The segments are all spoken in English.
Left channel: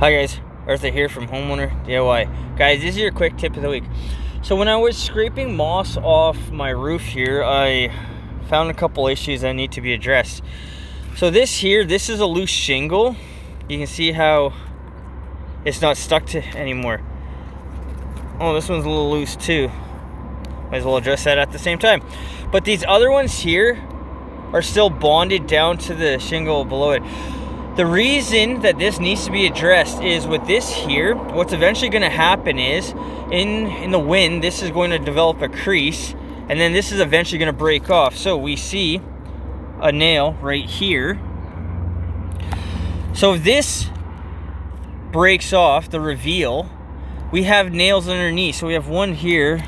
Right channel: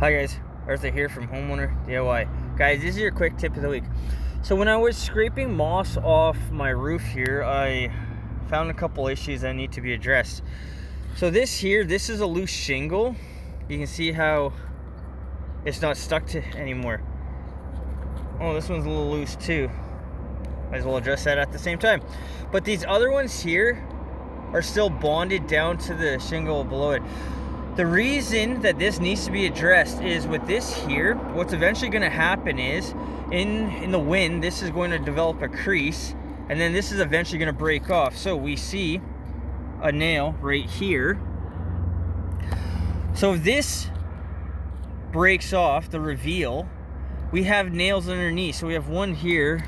Hi guys, Arthur here from Homeowner DIY. Guys, this is your quick tip of the week. So when I was scraping moss off my roof here, I found a couple issues that need to be addressed. So this is a loose shingle. You can see how it's not stuck to anymore. Oh, this one's a little loose too. Might as well address that at the same time. But these other ones here are still bonded down to the shingle below it. The reason that this needs to be addressed is with this here, what's eventually going to happen is in the wind, this is going to develop a crease, and then this is eventually going to break off. So we see a nail right here. So if this breaks off, the reveal, we have nails underneath. So we have one here.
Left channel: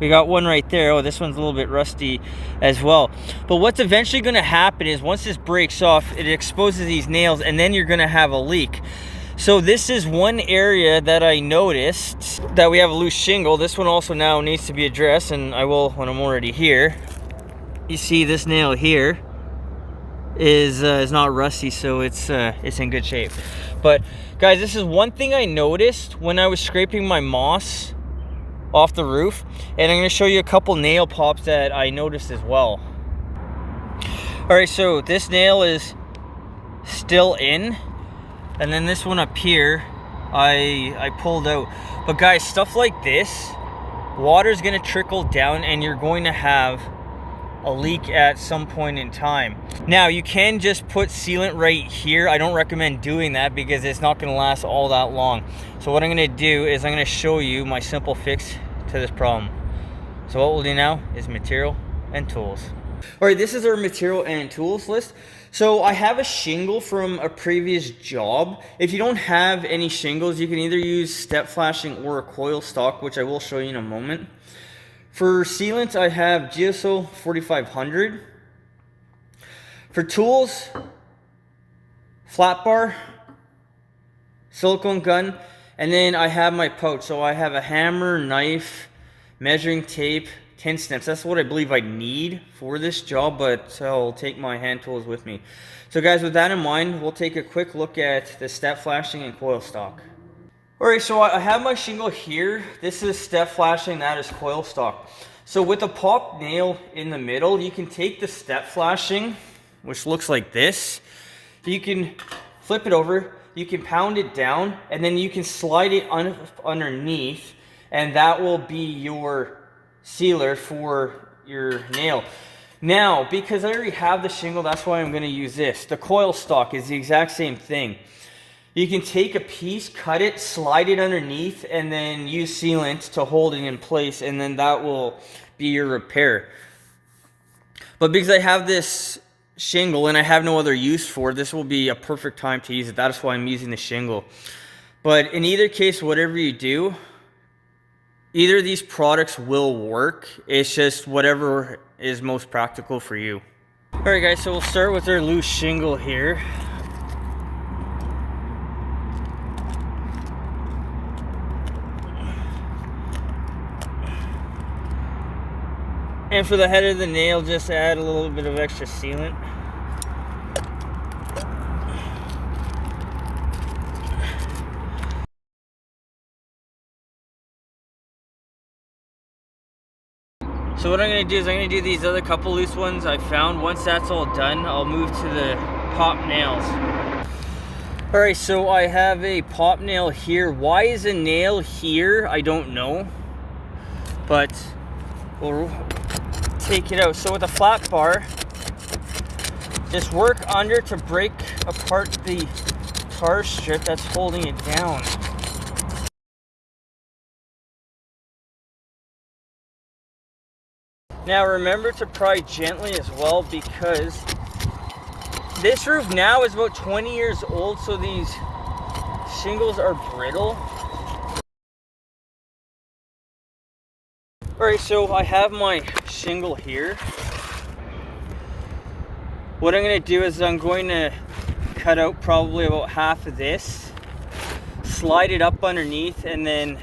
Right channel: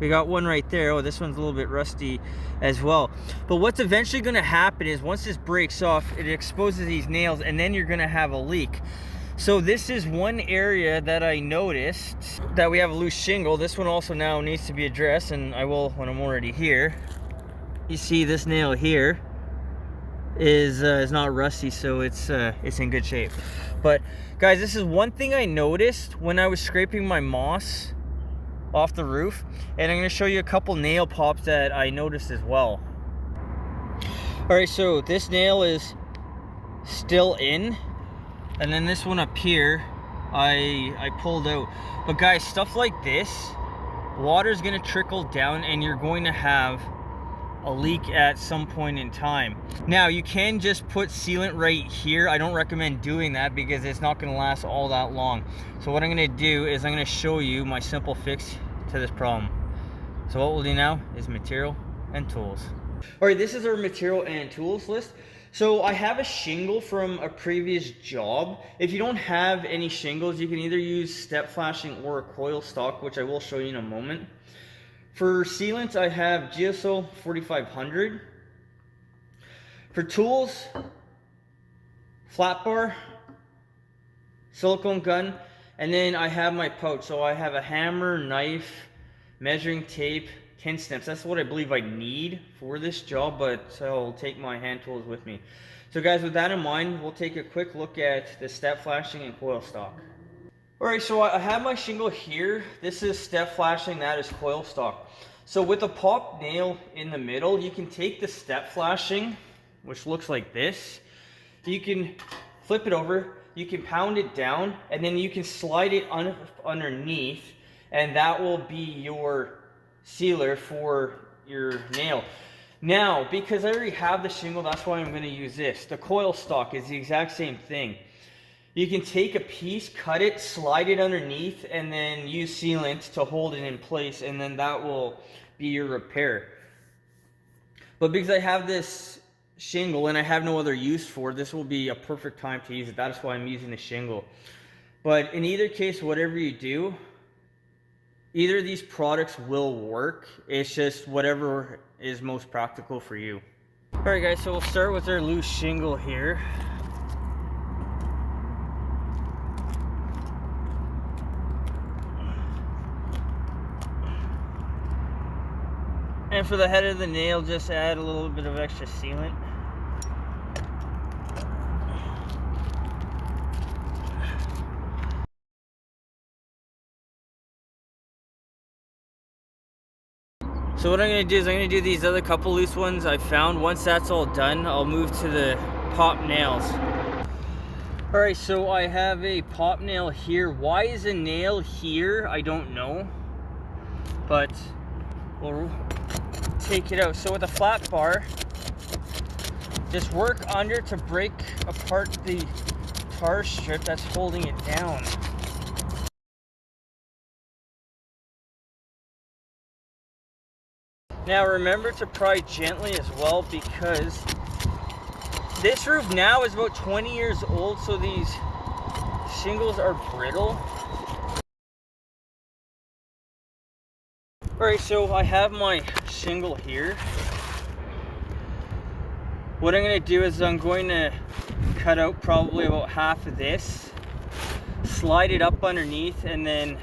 We got one right there. Oh, this one's a little bit rusty as well. But what's eventually going to happen is once this breaks off, it exposes these nails, and then you're going to have a leak. So this is one area that I noticed that we have a loose shingle. This one also now needs to be addressed, and I will when I'm already here. You see this nail here is not rusty, so it's in good shape. But guys, this is one thing I noticed when I was scraping my moss off the roof, and I'm going to show you a couple nail pops that I noticed as well. All right, so this nail is still in, and then this one up here I pulled out. But guys, stuff like this, water is going to trickle down and you're going to have a leak at some point in time. Now you can just put sealant right here. I don't recommend doing that because it's not going to last all that long. So what I'm going to do is I'm going to show you my simple fix to this problem. So what we'll do now is material and tools. All right, this is our material and tools list. So I have a shingle from a previous job. If you don't have any shingles, you can either use step flashing or a coil stock, which I will show you in a moment. For sealant, I have Geocel 4500. For tools, flat bar, silicone gun, and then I have my pouch. So I have a hammer, knife, measuring tape, tin snips. That's what I believe I need for this job, but I'll take my hand tools with me. So guys, with that in mind, we'll take a quick look at the step flashing and coil stock. Alright, so I have my shingle here. This is step flashing, that is coil stock. So with a pop nail in the middle, you can take the step flashing, which looks like this. You can flip it over, you can pound it down, and then you can slide it underneath, and that will be your sealer for your nail. Now, because I already have the shingle, that's why I'm going to use this. The coil stock is the exact same thing. You can take a piece, cut it, slide it underneath, and then use sealant to hold it in place, and then that will be your repair. But because I have this shingle and I have no other use for it, this will be a perfect time to use it. That's why I'm using the shingle. But in either case, whatever you do, either of these products will work. It's just whatever is most practical for you. All right, guys, so we'll start with our loose shingle here. And for the head of the nail, just add a little bit of extra sealant. So what I'm going to do is I'm going to do these other couple loose ones I found. Once that's all done, I'll move to the pop nails. Alright, so I have a pop nail here. Why is a nail here? I don't know. But we'll take it out. So with a flat bar, just work under to break apart the tar strip that's holding it down. Now remember to pry gently as well, because this roof now is about 20 years old, so these shingles are brittle. Alright, so I have my shingle here. What I'm going to do is I'm going to cut out probably about half of this, slide it up underneath, and then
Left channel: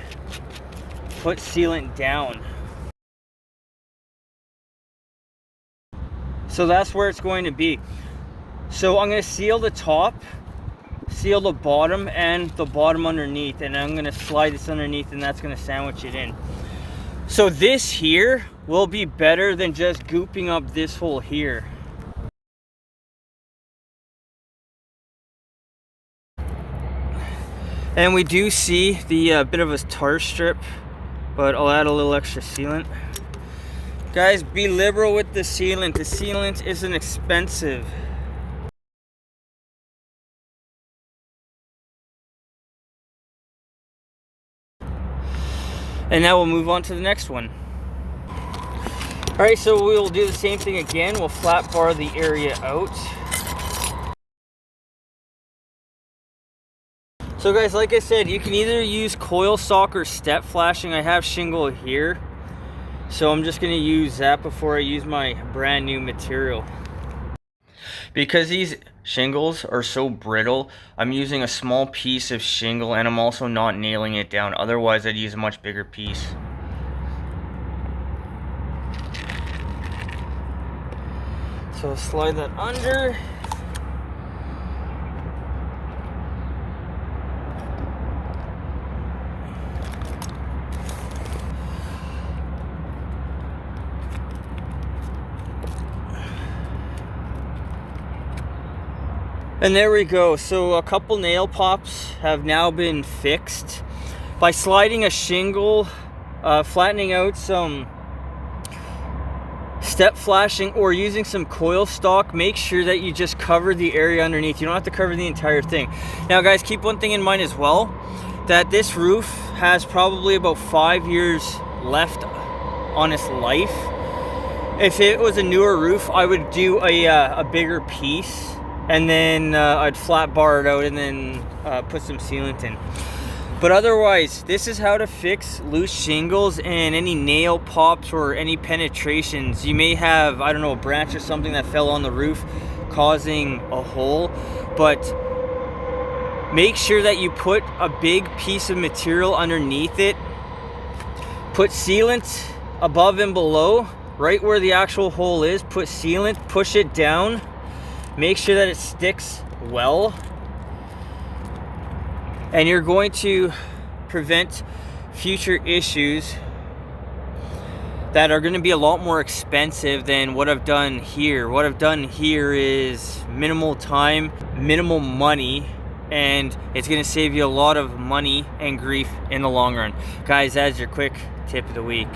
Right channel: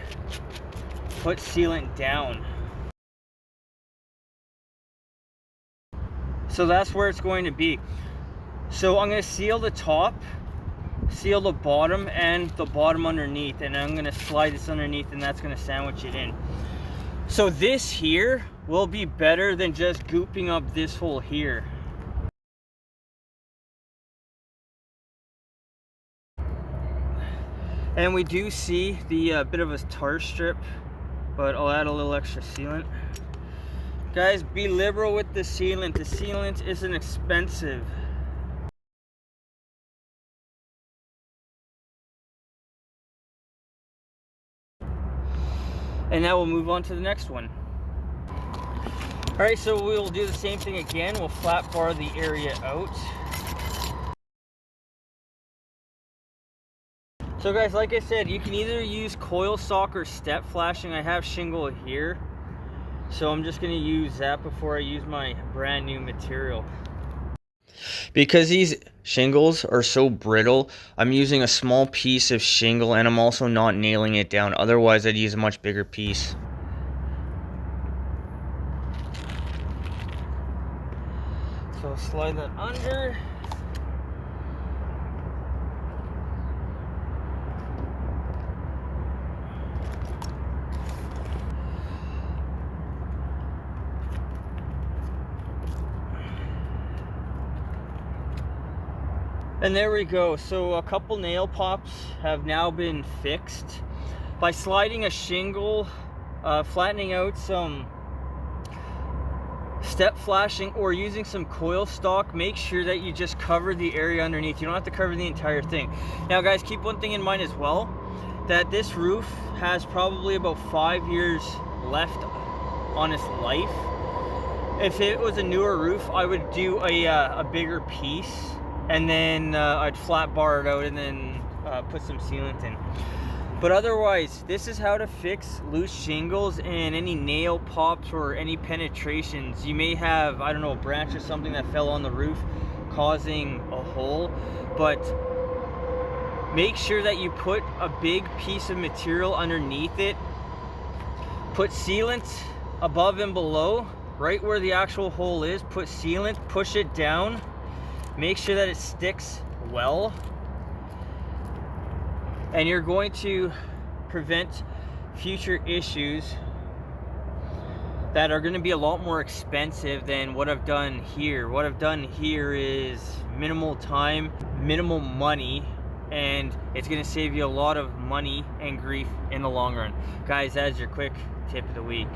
put sealant down. So that's where it's going to be. So I'm going to seal the top seal the bottom and the bottom underneath, and I'm gonna slide this underneath, and that's gonna sandwich it in. So this here will be better than just gooping up this hole here. And we do see the bit of a tar strip, but I'll add a little extra sealant. Guys, be liberal with the sealant. The sealant isn't expensive. And now we'll move on to the next one. All right, so we'll do the same thing again. We'll flat bar the area out. So guys, like I said, you can either use coil stock or step flashing. I have shingle here, so I'm just gonna use that before I use my brand new material. Because these shingles are so brittle, I'm using a small piece of shingle, and I'm also not nailing it down. Otherwise, I'd use a much bigger piece. So I'll slide that under. And there we go. So a couple nail pops have now been fixed. By sliding a shingle, flattening out some step flashing, or using some coil stock, make sure that you just cover the area underneath. You don't have to cover the entire thing. Now guys, keep one thing in mind as well, that this roof has probably about 5 years left on its life. If it was a newer roof, I would do a bigger piece, and then I'd flat bar it out, and then put some sealant in. But otherwise, this is how to fix loose shingles and any nail pops or any penetrations. You may have, I don't know, a branch or something that fell on the roof causing a hole, but make sure that you put a big piece of material underneath it. Put sealant above and below, right where the actual hole is. Put sealant, push it down. Make sure that it sticks well, and you're going to prevent future issues that are going to be a lot more expensive than what I've done here. What I've done here is minimal time, minimal money, and it's going to save you a lot of money and grief in the long run. Guys, that's your quick tip of the week.